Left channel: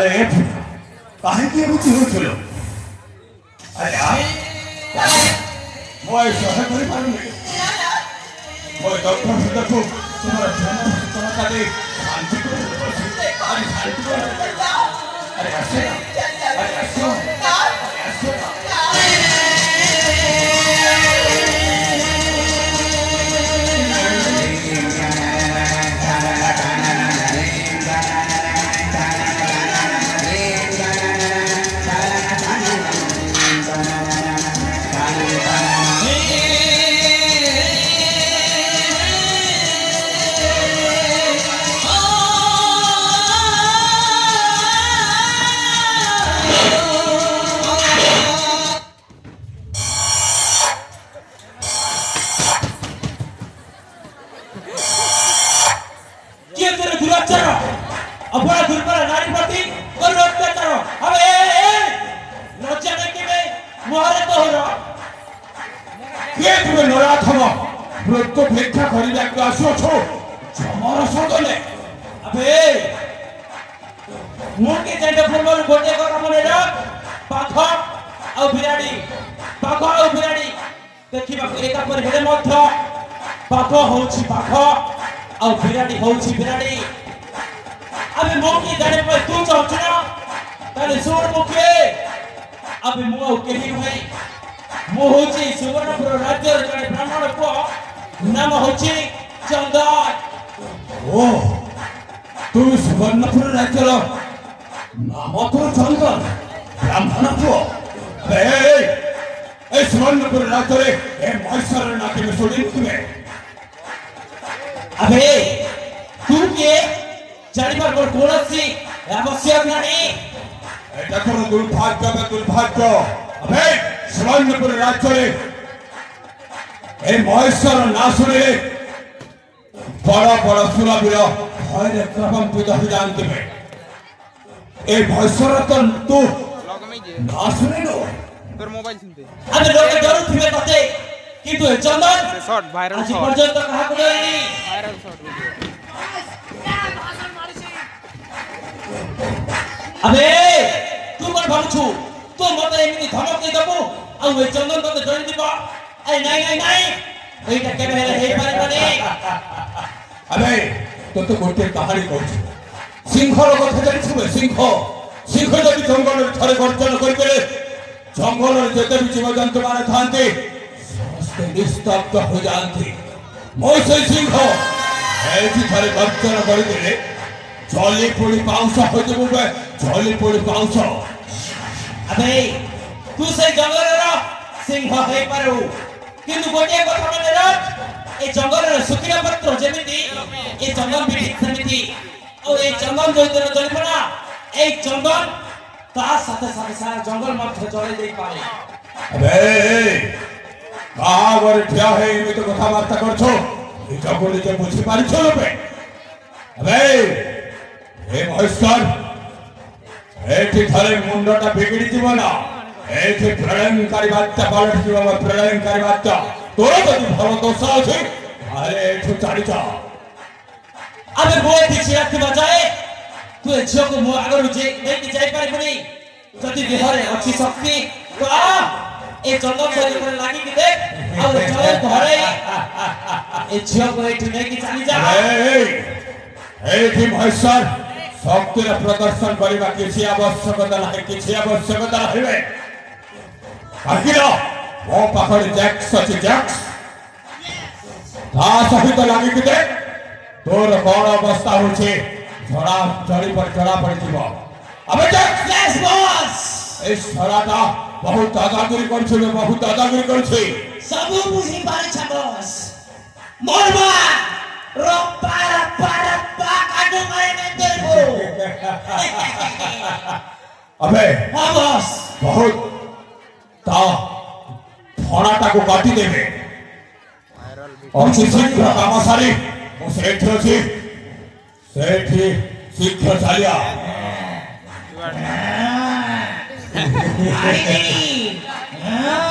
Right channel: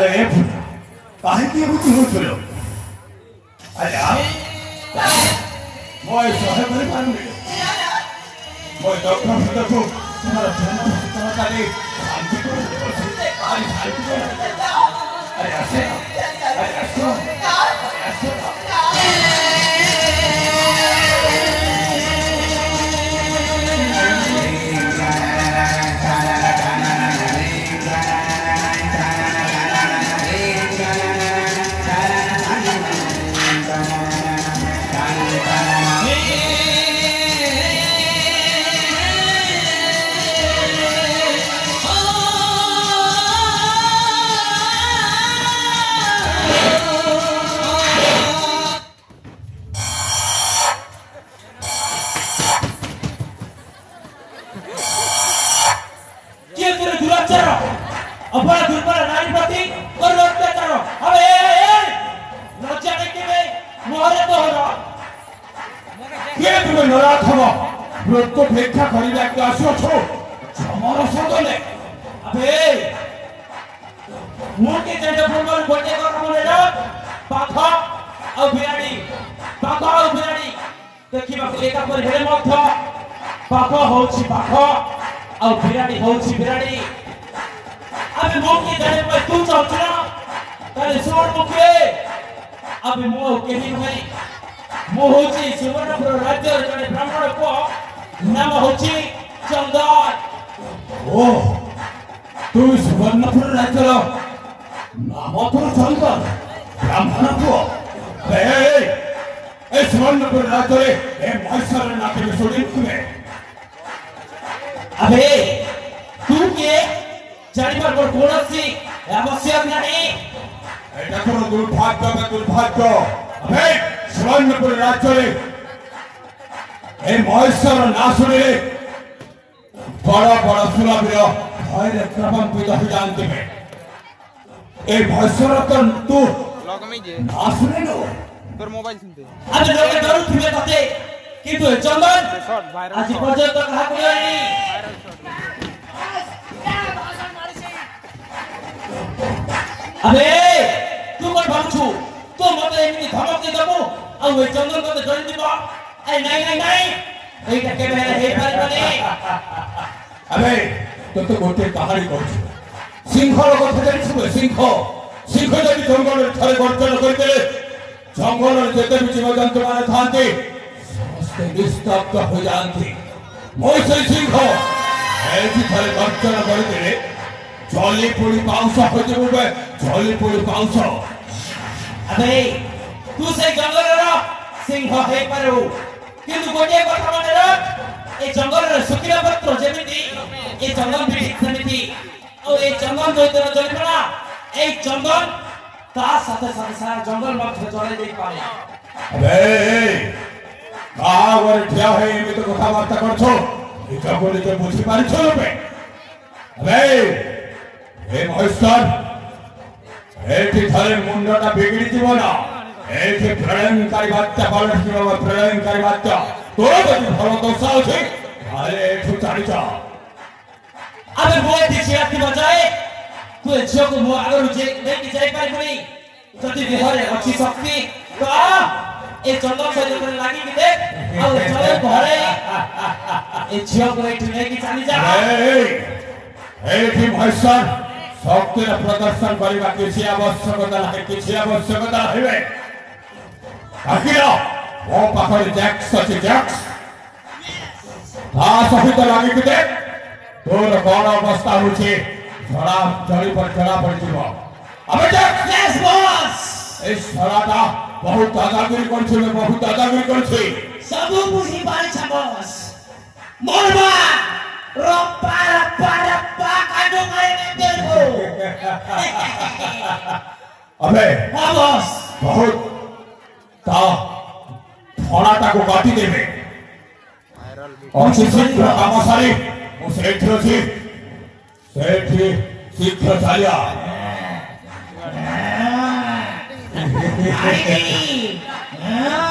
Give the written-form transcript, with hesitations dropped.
अरे काहे की बुझी हो चलो अरे মই সহায় করে পারবি মই ডক্টর হতে তো তোমার জন্য সততারে শান্তি করে বলছি আরে শান্তি করে আরে আসে আরে আসো আরে আসো भेक्षा खरीदा आसो छो जमर सदले अबे मोके जेडे फुलर गोटे कर मने पाख आ बिराडी देखिबा एका पर हेले मध्य पाख होछि पाख आ बिराडी होछि बिराडी अबे मोके जेडे पर तू चलछना ताले सोड मुखे अबे मो केही भाई मो होछि सुवर्णपुर राज्य रे ब्राह्मण को नाम होची चंदन ओ तू सुवर्णपुर राज्यर नाम तो चंदन ब्राह्मण को ए सुवर्णपुर राज्य ए महेश्वर नाते में सोडी तुम्हें अबे तू के जानिबार पर कोनसी आवश्यक नहीं एटा कोन दुर्भाग्य अबे सुवर्णपुर राज्य ए महेश्वर ना सुने बड़ा बड़ा सुनाबीर भय प्रकंपित हो जानते हैं ए महेश्वर तू ना सुने लो তোর মোবাইল শুনতে আরে লোকে ডরু থিবে তাতে কিন্তু এই চন্দন শর্ট ভাইরাল আজ পর্যন্ত কাহা করেনি আবে তুই কোন ভাবছু তো মতে এমনি ধমক দি দেবো আর ওই চন্দন তোকে ধরে দিব এই নাই এইটা কেবে হেলে হেই পারিবনি अबे तो गोटे कहानी कहू सिंहर कथा जानिछु सिंह जब जंगल थरे गर्जन करते जंगल जेते भी जीवजंतु माने थांते समस्त निस्तब्ध हो जाते मोसे सिंह एठी थरे गर्जन करते जली पोड़ी पाउस हो जबे जली पोड़ी पाउस अबे तू से जंगल रो सिंह हेई पारू किंतु गोटे कथा माने रख ए जंगल रे सुखिला पत्र जेमिति ए जंगल भी सेमिति ओ ए जंगल जइतर जलिपना ए जंगल ता साथे साथे सारा जंगल मध्य जले देई पारे अबे कावर ठिया है एमे तो कथा वार्ता करछो ए जंगल तो बुझी पारिछो बे अबे हे महेश्वर एठी थारे मुंडटा बिगड़ी जीव ना एठी प्रलयनकारी बात्या पलट जीव प्रलयनकारी बात्या तो यदि भलो दोष अछि अरे एठु चढ़ी जा अबे बोय पीछे आके बजाए तू झियो को मो आगर जे लेके जाई पारिबनी जति देहरे अछि शक्ति तो आ ए जंगल से लागी के देख और चले घरे ए झियो को एठु लेके चली जा एठी महेश्वर शक्ति प्रदर्शन करबा किसी आवश्यकता नाही किसी आवश्यकता हेबे आकिरा वो पाखर जैक्स अछि जैक्स ता सहित लागी के देख तोर कोन अवस्था होछे झड़ा जड़ी पर चढ़ा पड़तिबो अबे जैक्स यस बॉस ए सराटा बहुत दादागिरी करछे सब बुझी पारे छ बॉस मोरबा रोपा काटू मारे में तेरे अबे हां बॉस बहुत ता फड़ाटा को काटी देबे और शीघ्र काम सारी मु सेठी शीघ्र चलिया आई नहीं